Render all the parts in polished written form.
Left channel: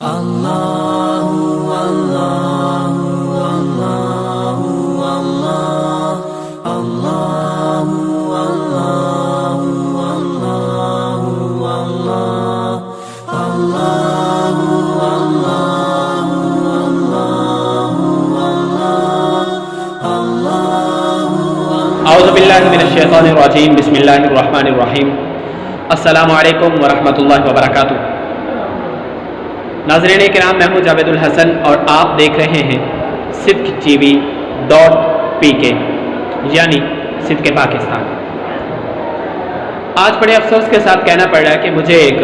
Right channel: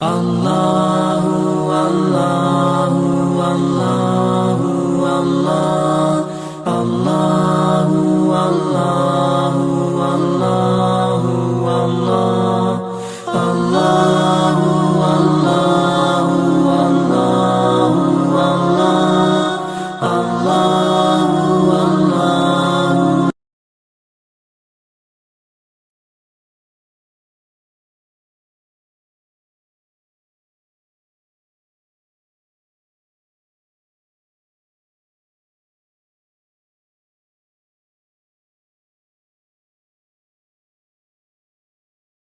اعوذ باللہ من الشیطان الرجیم بسم اللہ الرحمن الرحیم السلام علیکم ورحمۃ اللہ وبرکاتہ۔ ناظرین کرام، میں ہوں جاوید الحسن اور آپ دیکھ رہے ہیں sidqtv.pk یعنی صدق پاکستان۔ آج بڑے افسوس کے ساتھ کہنا پڑ رہا ہے کہ مجھے ایک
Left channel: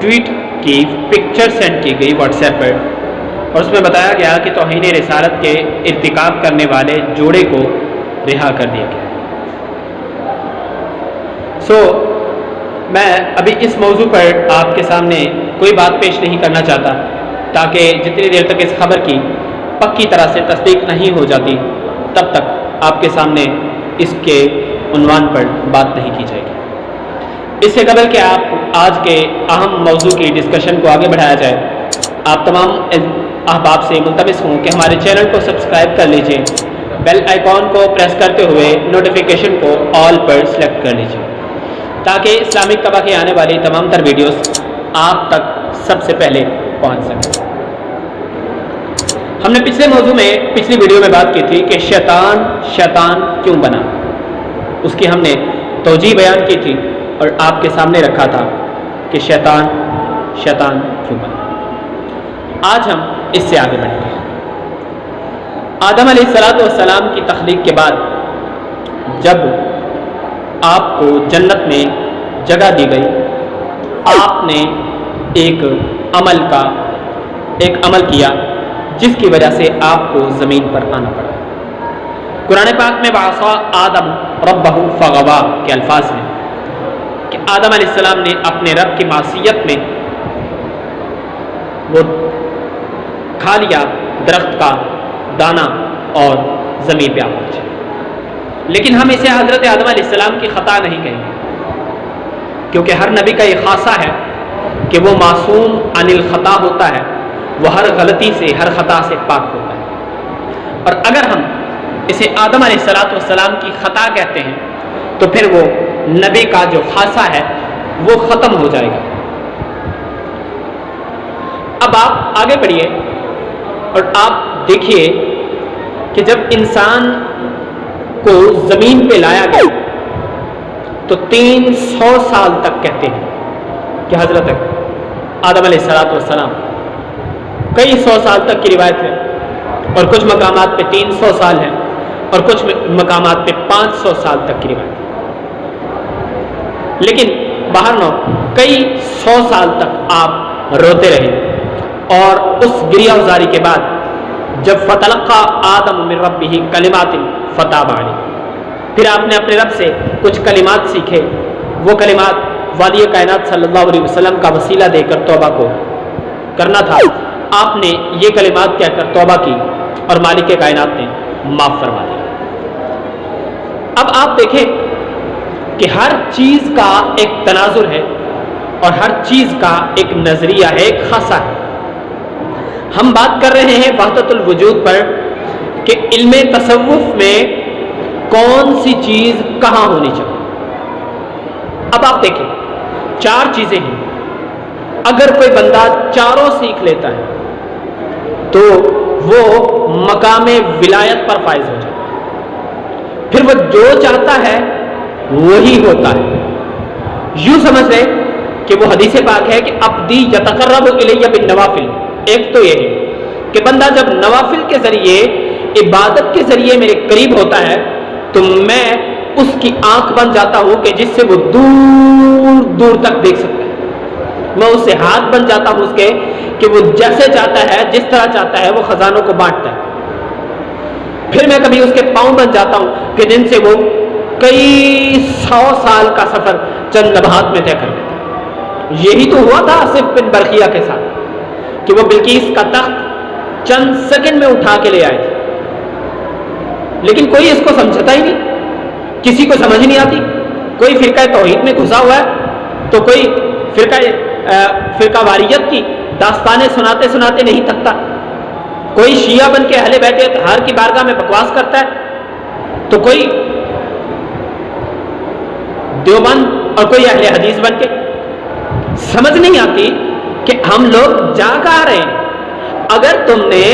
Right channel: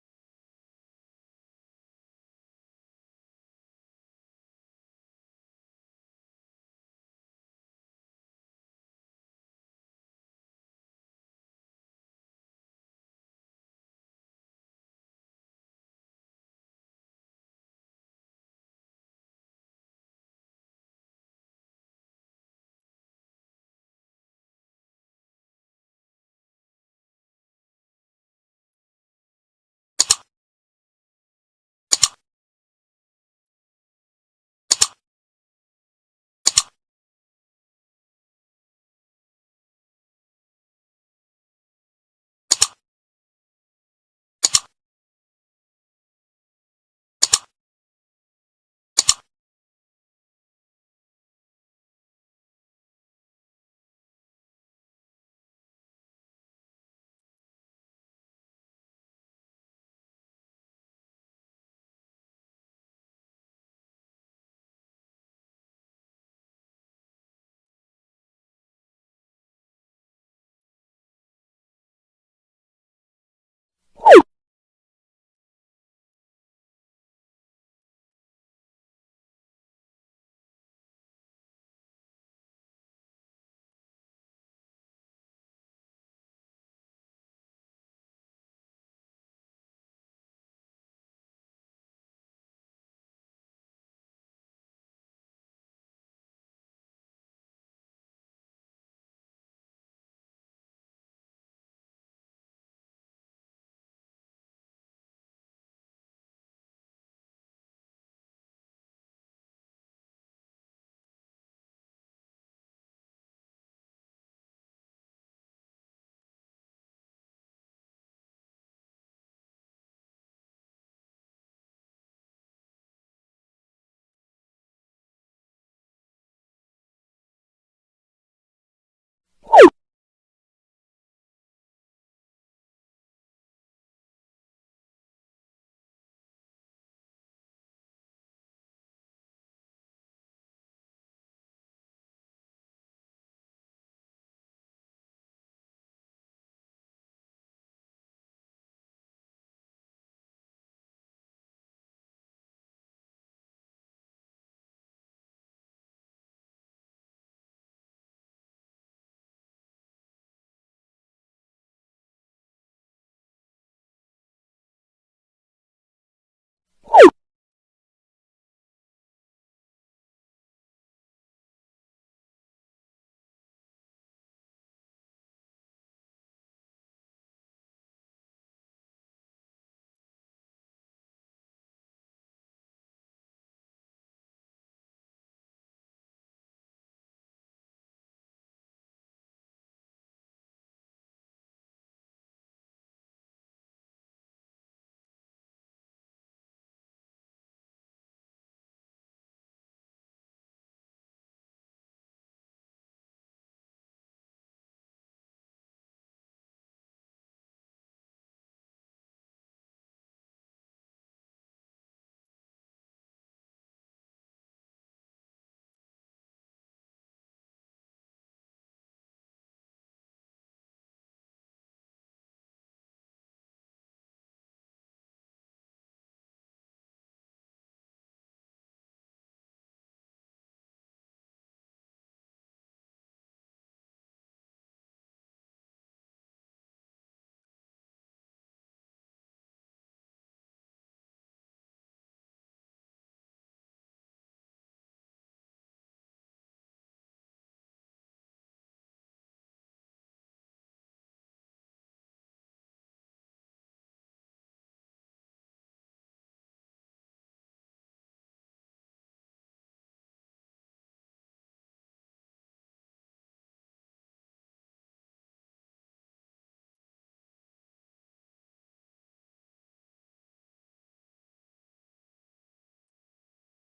ٹویٹ کی پکچر سینڈ کی گئی واٹس ایپ پر، اور اس میں بتایا گیا کہ توہین رسالت کے ارتکاب کرنے والے جوڑے کو رہا کر دیا گیا۔ میں ابھی اس موضوع پر آپ کے سامنے کوئی بات پیش نہیں کرنا چاہتا، تاکہ جتنی دیر تک اس خبر کی پکی طرح سے تصدیق نہیں ہو جاتی تب تک آپ کے سامنے اس کے عنوان پر بات نہیں کی جائے گی۔ اس سے قبل کہ آپ آج کے اہم موضوع کی ڈسکشن کو آگے بڑھایا جائے، آپ تمام احباب سے ملتمس ہوں کہ ہمارے چینل کو سبسکرائب کر لیجئے، بیل آئیکن کو پریس کرتے ہوئے نوٹیفیکیشن کو آل پر سلیکٹ کر لیجئے، تاکہ اسلامک طبع کی آنے والی تمام تر ویڈیوز آپ تک سب سے پہلے پہنچ سکیں۔ ہم نے پچھلی ویڈیو میں بات کی تھی کہ شیطان کیوں بنا، اس کی ہم نے توجیہ بیان کی تھی اور آپ کے سامنے رکھا تھا کہ شیطان کیوں بنا۔ آج ہم اس سے آگے بڑھیں گے۔ آدم علیہ السلام کی تخلیق کے بعد جب آپ کو جنت میں جگہ دی گئی، آپ نے ایک عمل کیا جس کی وجہ سے آپ کو زمین پر آنا پڑا۔ قرآن پاک میں وعصیٰ آدم ربہ فغویٰ کے الفاظ ہیں کہ آدم علیہ السلام نے اپنے رب کی معصیت میں وہ کھا لیا درخت کا دانہ اور زمین پہ آ پہنچے۔ لیکن ہم اسے حضرت آدم علیہ السلام کی خطا نہیں کہیں گے، کیونکہ ہر نبی کا یہ خاصہ ہے کہ وہ معصوم عن الخطا ہوتا ہے، وہ ہر غلطی سے ہر خطا سے پاک ہوتا ہے۔ اور اگر ہم اسے آدم علیہ السلام کی خطا کہتے ہیں تو پھر وہ نبی کا جو خاصہ ہے وہ ختم ہو جائے گا۔ اب آپ آگے بڑھیے اور آپ دیکھیے کہ جب انسان کو زمین پہ لایا گیا تو 300 سال تک کہتے ہیں کہ حضرت آدم علیہ السلام، کئی 100 سال تک کی روایت ہے، اور کچھ مقامات پہ 300 سال ہے اور کچھ مقامات پہ 500 سال تک کی روایت ہے۔ لیکن بہرحال کئی 100 سال تک آپ روتے رہے، اور اس گریہ وزاری کے بعد جب فتلقى آدم من ربہ کلمات فتاب علیہ، پھر آپ نے اپنے رب سے کچھ کلمات سیکھے، وہ کلمات والی کائنات صلی اللہ علیہ وسلم کا وسیلہ دے کر توبہ کو کرنا تھا، آپ نے یہ کلمات کہہ کر توبہ کی اور مالک کائنات نے معاف فرما دیا۔ اب آپ دیکھیں کہ ہر چیز کا ایک تناظر ہے اور ہر چیز کا ایک نظریہ ہے، ایک خاصہ ہے۔ ہم بات کر رہے ہیں وحدت الوجود پر کہ علم تصوف میں کون سی چیز کہاں ہونی چاہیے۔ اب آپ دیکھیں 4 چیزیں ہیں، اگر کوئی بندہ چاروں سیکھ لیتا ہے تو وہ مقام ولایت پر فائز ہو جاتا ہے، پھر وہ جو چاہتا ہے وہی ہوتا ہے۔ یوں سمجھ لیں کہ وہ حدیث پاک ہے کہ عبدی یتقرب الی بالنوافل، ایک تو یہ ہے کہ بندہ جب نوافل کے ذریعے عبادت کے ذریعے میرے قریب ہوتا ہے تو میں اس کی آنکھ بن جاتا ہوں کہ جس سے وہ دور دور تک دیکھ سکتا ہے، میں اس سے ہاتھ بن جاتا ہوں اس کے کہ وہ جیسے چاہتا ہے جس طرح چاہتا ہے وہ خزانوں کو بانٹتا ہے، پھر میں کبھی اس کے پاؤں بن جاتا ہوں کہ جن سے وہ کئی 100 سال کا سفر چند لمحات میں طے کر لیتا ہے۔ یہی تو ہوا تھا آصف بن برقیہ کے ساتھ کہ وہ بلقیس کا تخت چند سیکنڈ میں اٹھا کے لے آئے تھے، لیکن کوئی اس کو سمجھتا ہی نہیں، کسی کو سمجھ نہیں آتی۔ کوئی فرقہ توحید میں گھسا ہوا ہے تو کوئی فرقہ واریت کی داستانیں سناتے سناتے نہیں تھکتا. کوئی شیعہ بن کے اہل بیت اطہار کی بارگاہ میں بکواس کرتا ہے تو کوئی دیوبند اور کوئی اہل حدیث بن کے. سمجھ نہیں آتی کہ ہم لوگ جا کہاں رہے ہیں. اگر تم نے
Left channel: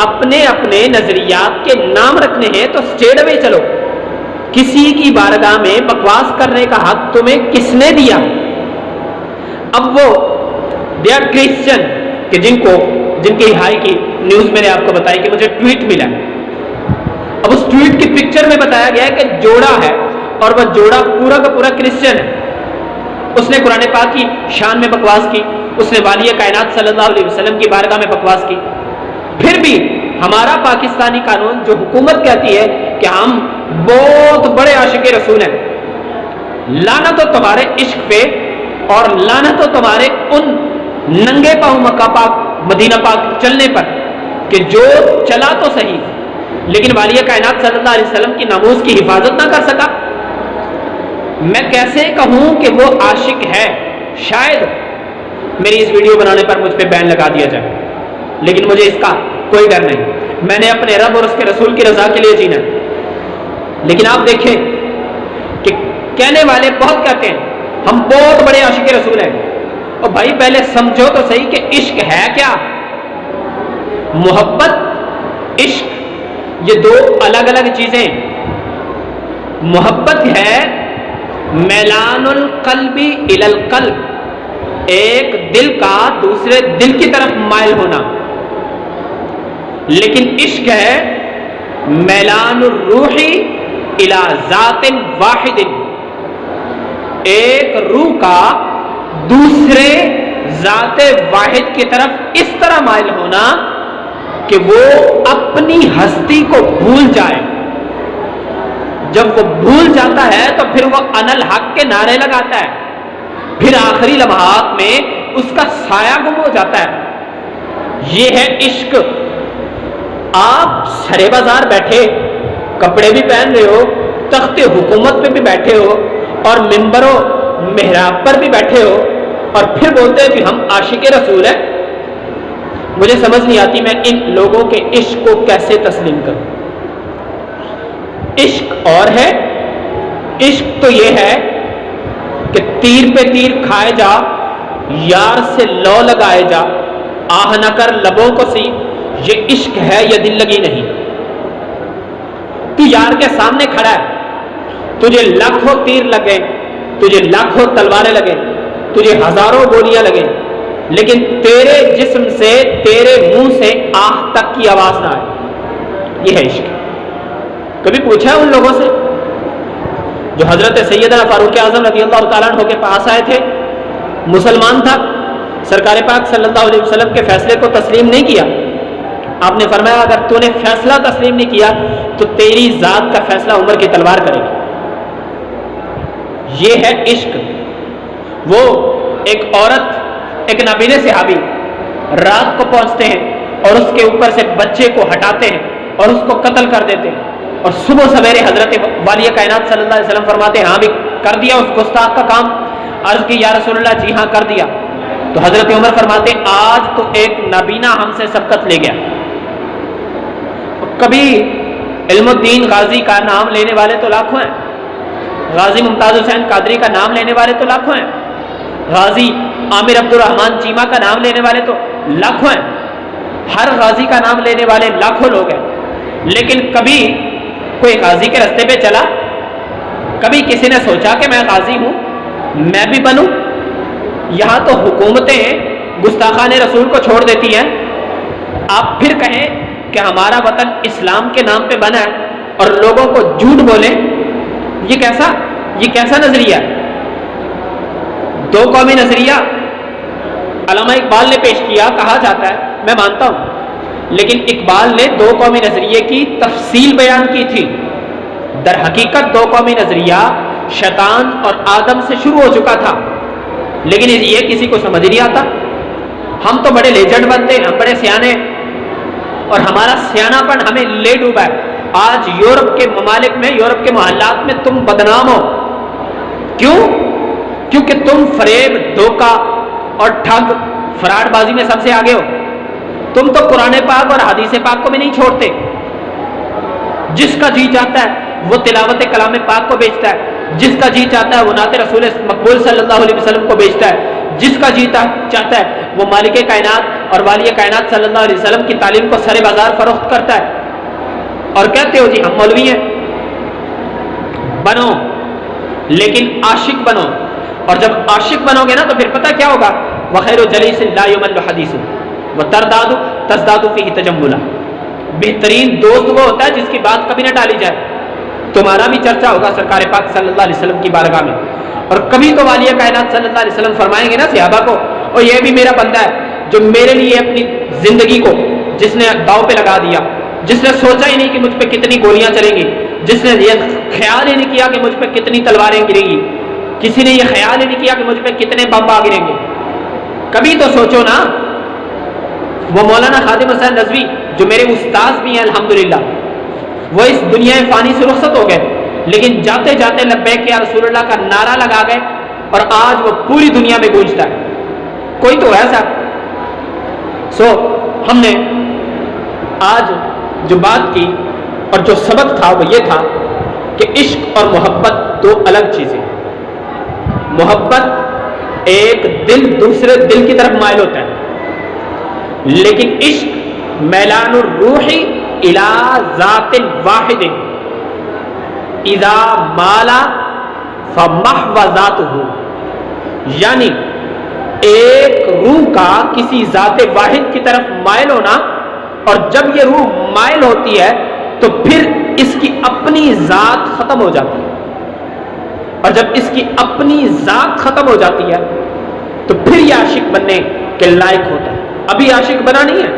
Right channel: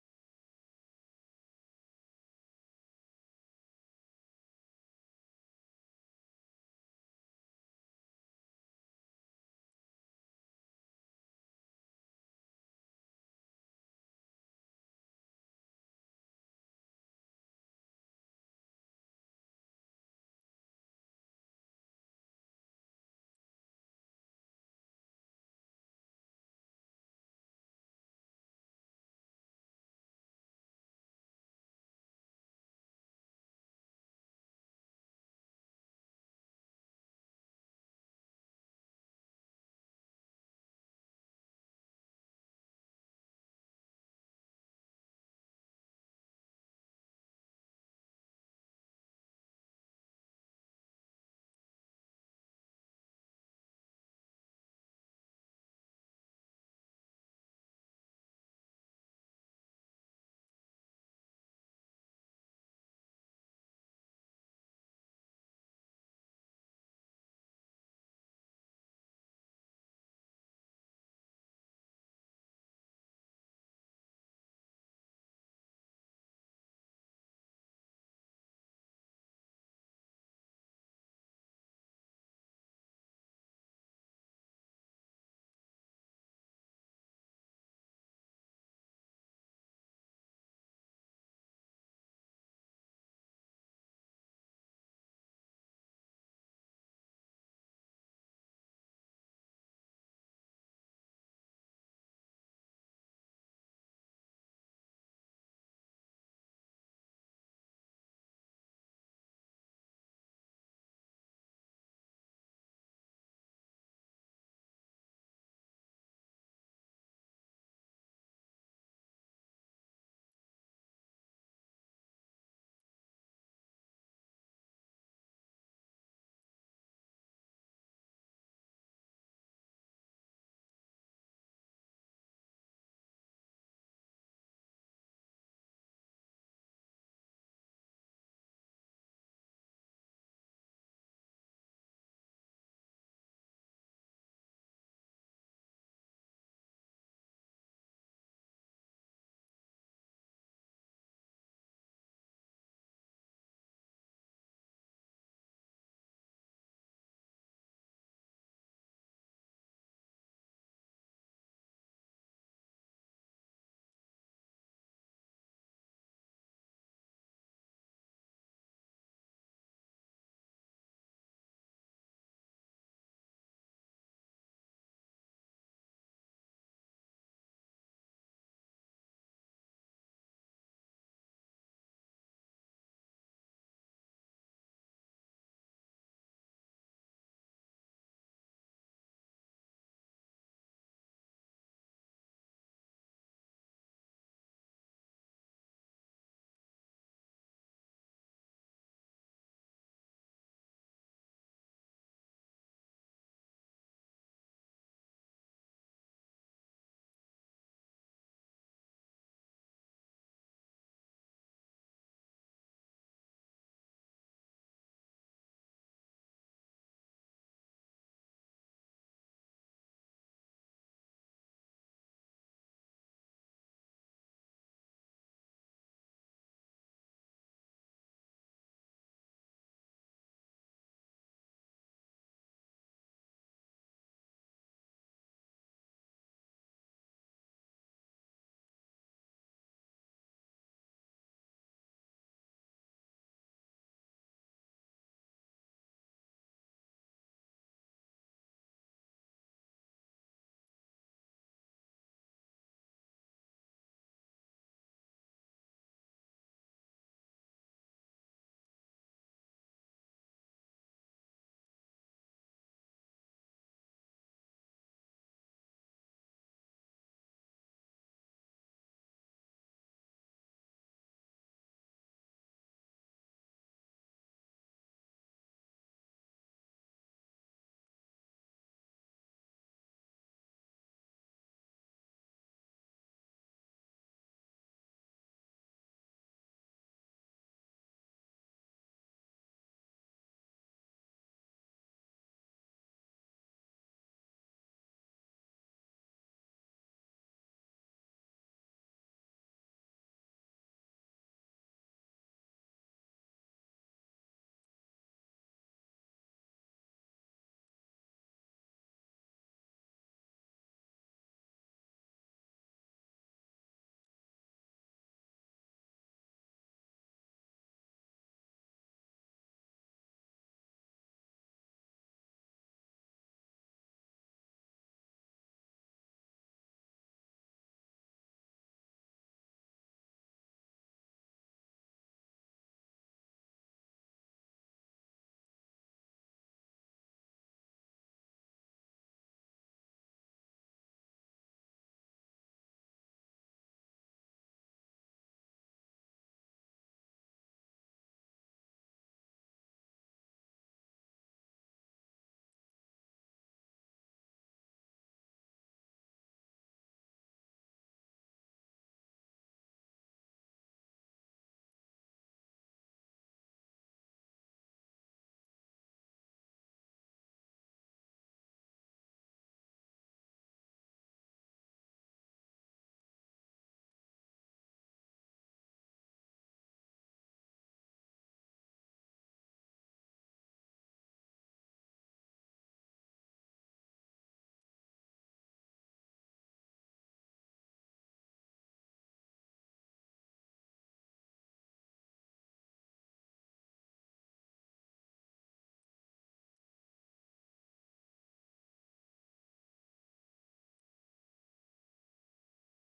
اپنے اپنے نظریات کے نام رکھنے ہیں تو اسٹیٹ وے چلو. کسی کی بارگاہ میں بکواس کرنے کا حق تمہیں کس نے دیا؟ اب وہ دے آر کرسچن کہ جن کی ہائی کی نیوز میں نے آپ کو بتائی کہ مجھے ٹویٹ ملا. اب اس ٹویٹ کی پکچر میں بتایا گیا ہے کہ جوڑا ہے اور وہ جوڑا پورا کا پورا کرسچن ہے. اس نے قرآن پاک کی شان میں بکواس کی, اس نے والی کائنات صلی اللہ علیہ وسلم کی بارگاہ میں بکواس کی. پھر بھی ہمارا پاکستانی قانون جو حکومت کہتی ہے کہ ہم بہت بڑے عاشق رسول ہیں, لعنت ہو تمہارے عشق پہ اور لعنت ہو تمہارے ان ننگے پاؤں مکہ پاک مدینہ پاک چلنے پر کہ جو چلا تو صحیح لیکن والی کائنات صلی اللہ علیہ وسلم کی ناموس کی حفاظت نہ کر سکا. میں کیسے کہوں کہ وہ عاشق ہے؟ شاید میری اس ویڈیو بنانے پر مجھ پہ بین لگا دیا جائے, لیکن مجھے اس کا کوئی ڈر نہیں. میں نے اپنے رب اور اس کے رسول کی رضا کے لیے جینا. لیکن آپ دیکھیں کہ کہنے والے بہت کہتے ہیں ہم بہت بڑے عاشق رسول ہیں. اور بھائی پہلے سمجھو تو صحیح کہ عشق ہے کیا؟ محبت, عشق یہ دو الگ الگ چیزیں. محبت ہے میلان القلب الی القلب, ایک دل کا دوسرے دل کی طرف مائل ہونا. لیکن عشق ہے میلان الروح الی ذات واحد, ایک روح کا دوسرے ذات واحد کی طرف اس طرح مائل ہونا کہ وہ اپنی ہستی کو بھول جائے. جب وہ بھول جاتا ہے تو پھر وہ انا الحق کے نعرے لگاتا ہے, پھر آخری لمحات میں اس کا سایہ گم ہو جاتا ہے. یہ ہے عشق. آپ سرے بازار بیٹھے, کپڑے بھی پہن رہے ہو, تخت حکومت پہ بھی بیٹھے ہو اور ممبر و محراب پر بھی بیٹھے ہو اور پھر بولتے ہیں کہ ہم عاشق رسول ہیں. مجھے سمجھ نہیں آتی میں ان لوگوں کے عشق کو کیسے تسلیم کروں. عشق اور ہے, عشق تو یہ ہے کہ تیر پہ تیر کھائے جا, یار سے لو لگائے جا, آہ نہ کر لبوں کو سی. یہ عشق ہے, یہ دل لگی نہیں. تو یار کے سامنے کھڑا ہے, تجھے لاکھوں تیر لگے, تجھے لاکھوں تلواریں لگے, تجھے ہزاروں گولیاں لگے, لیکن تیرے جسم سے تیرے منہ سے آہ تک کی آواز نہ آئے. یہ ہے عشق. کبھی پوچھا ان لوگوں سے جو حضرت سیدنا فاروق اعظم رضی اللہ تعالیٰ عنہ کے پاس آئے تھے, مسلمان تھا, سرکار پاک صلی اللہ علیہ وسلم کے فیصلے کو تسلیم نہیں کیا. آپ نے فرمایا اگر تو نے فیصلہ تسلیم نہیں کیا تو تیری ذات کا فیصلہ عمر کی تلوار کرے گی. یہ ہے عشق. وہ ایک عورت, ایک نابینا صحابی رات کو پہنچتے ہیں اور اس کے اوپر سے بچے کو ہٹاتے ہیں اور اس کو قتل کر دیتے ہیں, اور صبح سویرے حضرت والی کائنات صلی اللہ علیہ وسلم فرماتے ہیں ہاں بھی کر دیا اس گستاخ کا کام. عرض کی یا رسول اللہ, جی ہاں کر دیا. تو حضرت عمر فرماتے ہیں آج تو ایک نابینا ہم سے سبقت لے گیا. کبھی علم الدین غازی کا نام لینے والے تو لاکھوں ہیں, غازی ممتاز حسین قادری کا نام لینے والے تو لاکھوں ہیں, غازی عامر عبد الرحمن چیمہ کا نام لینے والے تو لاکھوں ہیں. ہر غازی کا نام لینے والے لاکھوں لوگ ہیں. لیکن کبھی کوئی غازی کے رستے پہ چلا, کبھی کسی نے سوچا کہ میں غازی ہوں, میں بھی بنوں. یہاں تو حکومتیں گستاخان رسول کو چھوڑ دیتی ہیں. آپ پھر کہیں کہ ہمارا وطن اسلام کے نام پہ بنا ہے اور لوگوں کو جھوٹ بولیں. یہ کیسا نظریہ ہے؟ دو قومی نظریہ علامہ اقبال نے پیش کیا, کہا جاتا ہے, میں مانتا ہوں, لیکن اقبال نے دو قومی نظریے کی تفصیل بیان کی تھی. در حقیقت دو قومی نظریہ شیطان اور آدم سے شروع ہو چکا تھا, لیکن یہ کسی کو سمجھ نہیں آتا. ہم تو بڑے لیجنڈ بنتے ہیں, ہم بڑے سیانے, اور ہمارا سیانہ پن ہمیں لے ڈوبا ہے. آج یورپ کے ممالک میں, یورپ کے محلات میں تم بدنام ہو. کیوں؟ کیونکہ تم فریب, دھوکہ اور ٹھگ فراڈ بازی میں سب سے آگے ہو. تم تو قرآن پاک اور حدیث پاک کو بھی نہیں چھوڑتے. جس کا جی چاہتا ہے وہ تلاوت کلام پاک کو بیچتا ہے, جس کا جی چاہتا ہے وہ نعت رسول مقبول صلی اللہ علیہ وسلم کو بیچتا ہے, جس کا جی چاہتا ہے وہ مالک کائنات اور والی کائنات صلی اللہ علیہ وسلم کی تعلیم کو سر بازار فروخت کرتا ہے. اور کہتے ہو جی ہم مولوی ہیں. بنو, لیکن عاشق بنو. اور جب عاشق بنو گے نا تو پھر پتہ کیا ہوگا, وخیر جلیس لا یمل حدیث وترداد تزداد فیہ تجملا. بہترین دوست وہ ہوتا ہے جس کی بات کبھی نہ ٹالی جائے. تمہارا بھی چرچا ہوگا سرکار پاک صلی اللہ علیہ وسلم کی بارگاہ میں, اور کبھی تو والی کائنات صلی اللہ علیہ وسلم فرمائیں گے نا صحابہ کو, اور یہ بھی میرا بندہ ہے جو میرے لیے اپنی زندگی کو جس نے داؤ پہ لگا دیا, جس نے سوچا ہی نہیں کہ مجھ پہ کتنی گولیاں چلیں گی, جس نے یہ خیال ہی نہیں کیا کہ مجھ پہ کتنی تلواریں گریں گی, کسی نے یہ خیال ہی نہیں کیا کہ مجھ پہ کتنے بم گریں گے. کبھی تو سوچو نا. وہ مولانا خادم حسین رضوی جو میرے استاذ بھی ہیں الحمدللہ, وہ اس دنیا فانی سے رخصت ہو گئے, لیکن جاتے جاتے لبیک یا رسول اللہ کا نعرہ لگا گئے, اور آج وہ پوری دنیا میں گونجتا ہے. کوئی تو ہے صاحب. ہم نے آج جو بات کی اور جو سبق تھا وہ یہ تھا کہ عشق اور محبت دو الگ چیزیں ہیں. محبت ایک دل دوسرے دل کی طرف مائل ہوتا ہے, لیکن عشق میلان الروح الی ذات واحد اذا مالا فمحو ذاتہ. یعنی ایک روح کا کسی ذات واحد کی طرف مائل ہونا, اور جب یہ روح مائل ہوتی ہے تو پھر اس کی اپنی ذات ختم ہو جاتی ہے, اور جب اس کی اپنی ذات ختم ہو جاتی ہے تو پھر یہ عاشق بننے کے لائق ہوتا ہے. ابھی عاشق بنا نہیں ہے,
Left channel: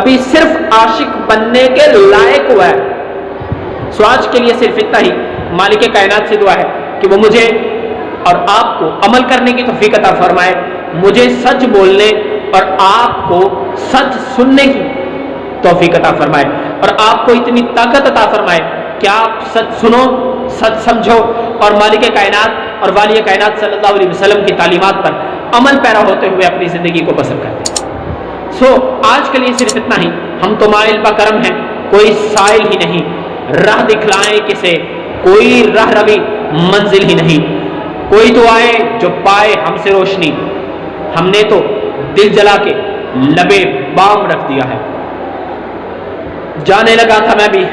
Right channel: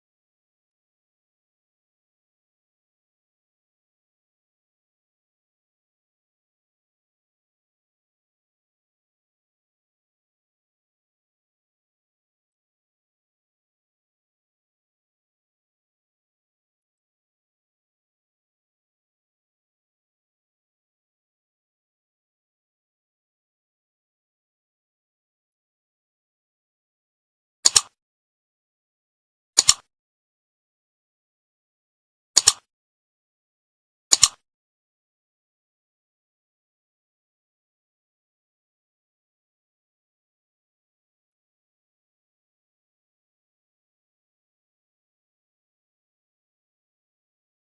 ابھی صرف عاشق بننے کے لائق ہوا ہے. آج کے لیے صرف اتنا ہی. مالک کائنات سے دعا ہے کہ وہ مجھے اور آپ کو عمل کرنے کی توفیق عطا فرمائے, مجھے سچ بولنے اور آپ کو سچ سننے کی توفیق عطا فرمائے, اور آپ کو اتنی طاقت عطا فرمائے کہ آپ سچ سنو, سچ سمجھو, اور مالک کائنات اور والی کائنات صلی اللہ علیہ وسلم کی تعلیمات پر عمل پیرا ہوتے ہوئے اپنی زندگی کو بسر کریں. آج کے لیے صرف اتنا ہی. ہم تو مائل با کرم ہیں, کوئی سائل ہی نہیں, راہ دکھلائیں کسے, کوئی راہ روی منزل ہی نہیں. کوئی تو آئے جو پائے ہم سے روشنی, ہم نے تو دل جلا کے لبے بام رکھ دیا ہے. جانے لگا تھا میں بھی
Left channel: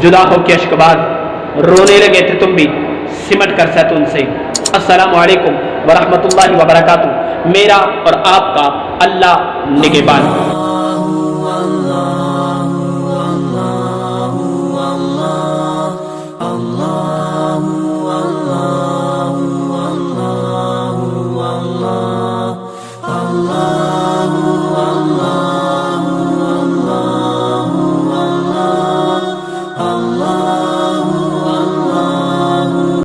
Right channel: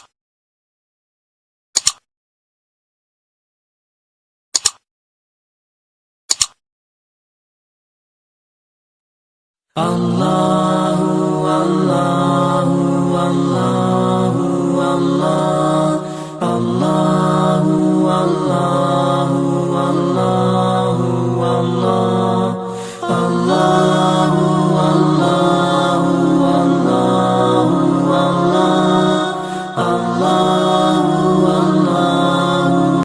جدا ہو کے اشکبار, رونے لگے تھے تم بھی سمٹ کر سیتون سے. السلام علیکم ورحمۃ اللہ وبرکاتہ. میرا اور آپ کا اللہ نگہبان.